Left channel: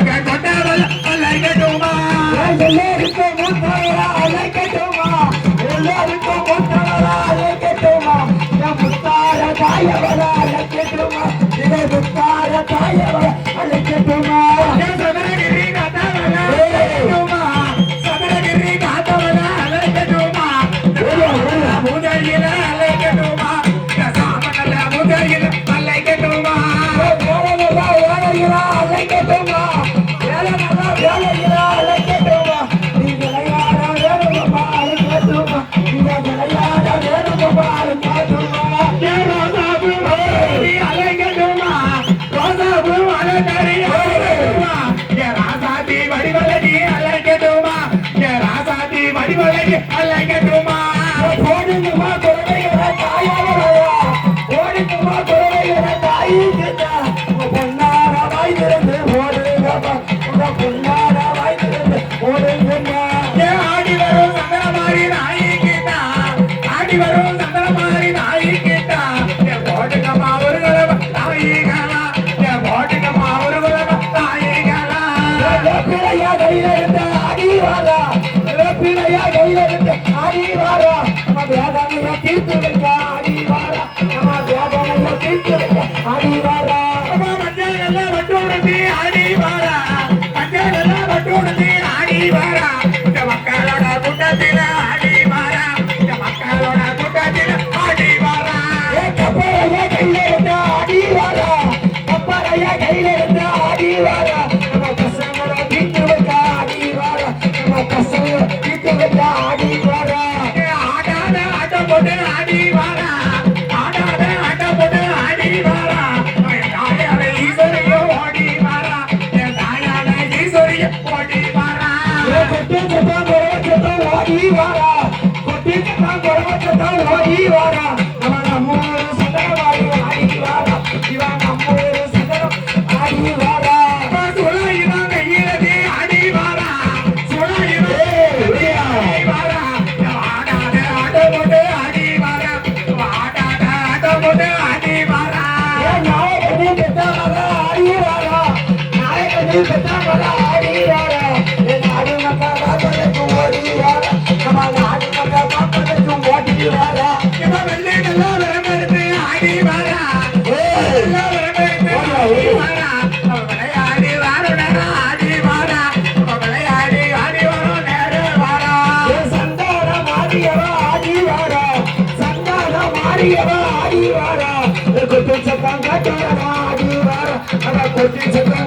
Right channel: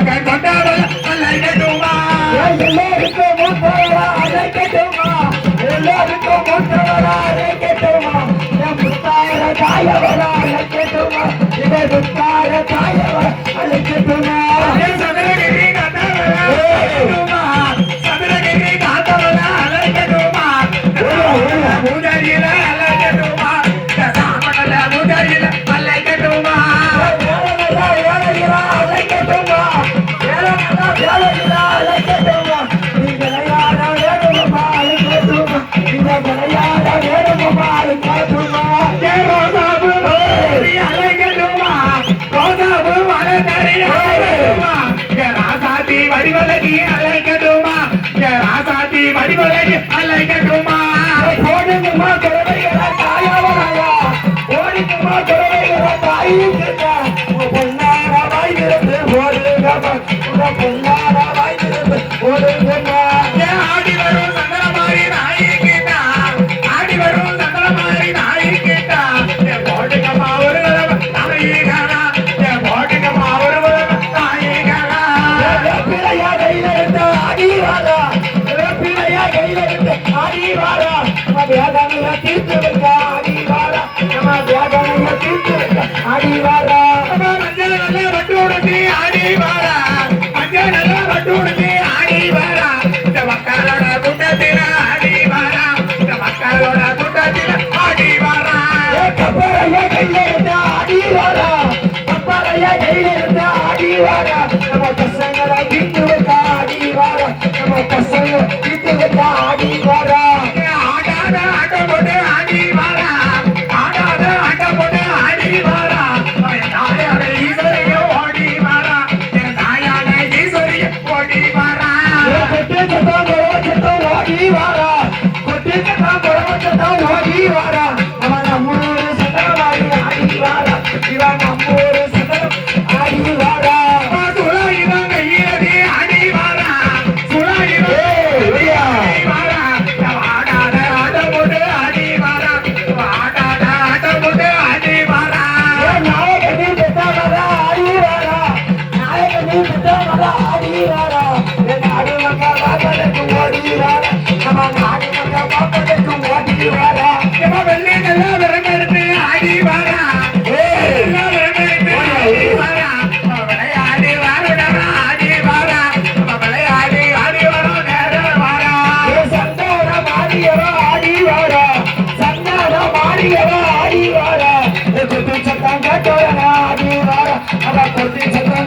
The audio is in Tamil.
கொண்டாடல அழைக்கட்டுமா எல்லாருக்கும் மூத்தவரா அழைக்கட்டுமா எல்லாருக்கும் மூத்தவரா அழைக்கட்டுமா முத்தார தாயவரா அழைக்கட்டுமா இதை முத்தார தாயவரா அழைக்கட்டுமா சதுரகிரி காத்தவரா சதுரகிரி காத்தவரா அழைக்கட்டுமா பூஜையில அழைக்கட்டுமா சாமடல பூஜையில அழைக்கட்டுமா வேலையிலா அழைக்கட்டுமா வேலையிலா அழைக்கட்டுமா நீ விளையாட வேணுமா அழைக்கட்டுமா இந்த விளையாட வேணுமா அழைக்கட்டுமா அழைக்கட்டுமா கோதாபு வளர்ந்தறி அழைக்கட்டுமா ராசாதி வடிவலகி அழைக்கட்டுமா ராசாதி வடிவலகி அழைக்கட்டுமா ஓடுங்கம்மா குழந்தைகளை தாயவரையா ஓடுங்கம்மா குழந்தைகளை தாயிக்கா பொன்னார வாய்ந்திருந்து ஓடுங்கம்மா உங்க பொன்னார வாய்ந்திருந்து ஓடுங்கம்மா ஆடி வரும் சந்தனமாரி நாயி கேட்டா ஆடி வரும் சந்தனமாரி நாயி கேட்டா போட்டுக்கம்மா ஒரு தடவை நாயி காணா போட்டுக்கம்மா ஒரு தடவை நாயி காணா பிள்ளையா கையில இருந்த ஆடி வாரா பிள்ளையா கையில இருந்த ஆடி வாரா நம்ம வேதனைய தீர்த்து வைக்க ஆடி வாரா நம்ம வேதனைய தீர்த்து வைக்க ஆடி வாரா மஞ்சள் நல்லா பட்டுடுத்தி ஆடி வாரா மஞ்சள் நல்லா பட்டுடுத்தி ஆடி வாரா இந்த மக்களோட கூட்டத்தில ஆடி வாரா இந்த மக்களோட கூட்டத்தில ஆடி வாரா கப்பலையா கையில இருந்த ஆடி வாரா கப்பலையா கையில இருந்த ஆடி வாரா நம்ம பசங்களை தீர்த்து வைக்க ஆடி வாரா நம்ம பசங்களை தீர்த்து வைக்க ஆடி வாரா ஆடாத ஆட்டம் போட்டு ஆடி வாரா ஆடாத ஆட்டம் போட்டு ஆடி வாரா தாயான ஈஸ்வரியோ ஓடி வாரா தாயான ஈஸ்வரிய ஓடி வாரா கொட்டி சத்தம் குழவச்சத்தம் ஓடி வாரா கொட்டி சத்தம் குழவச்சத்தம் ஓடி வாரா நம்மூரு சதனமாரி ஆடி வாரா இவன் நம்மூரு சதனம் ஆடி வாரா சுழாயுதம் கையிலதி ஆடி வாரா சுழாயுதம் வாரா ஆடாத ஆட்டம் போட்டு ஆடி வாரா ஆடாத ஆட்டம் போட்டு ஆடி வாரா நாயகனி பெற்றவர ஆடி வாரா நாயகனி பெற்றவர ஆடி வாரா நாடு மக்கள் பார்ப்பதற்கு ஓடி வாரா நம்ம நாடு மக்கள் பார்ப்பதற்கு ஓடி வாரா வெள்ளை நல்லா விரமெடுத்து ஆடி வாரா நல்லா விரமெடுத்து ஆடி வாரா விளையாடி வாருடா ஆடி வாரா விளையாடி ஆடி வரும் நேரம் வாரா சந்தான மாறியவ ஆடி வாரா சந்தான மாறியவ ஆடி வாரா கொட்டி சத்தம் கட்டவர ஆடி வாரா அவ கொட்டி சத்தம்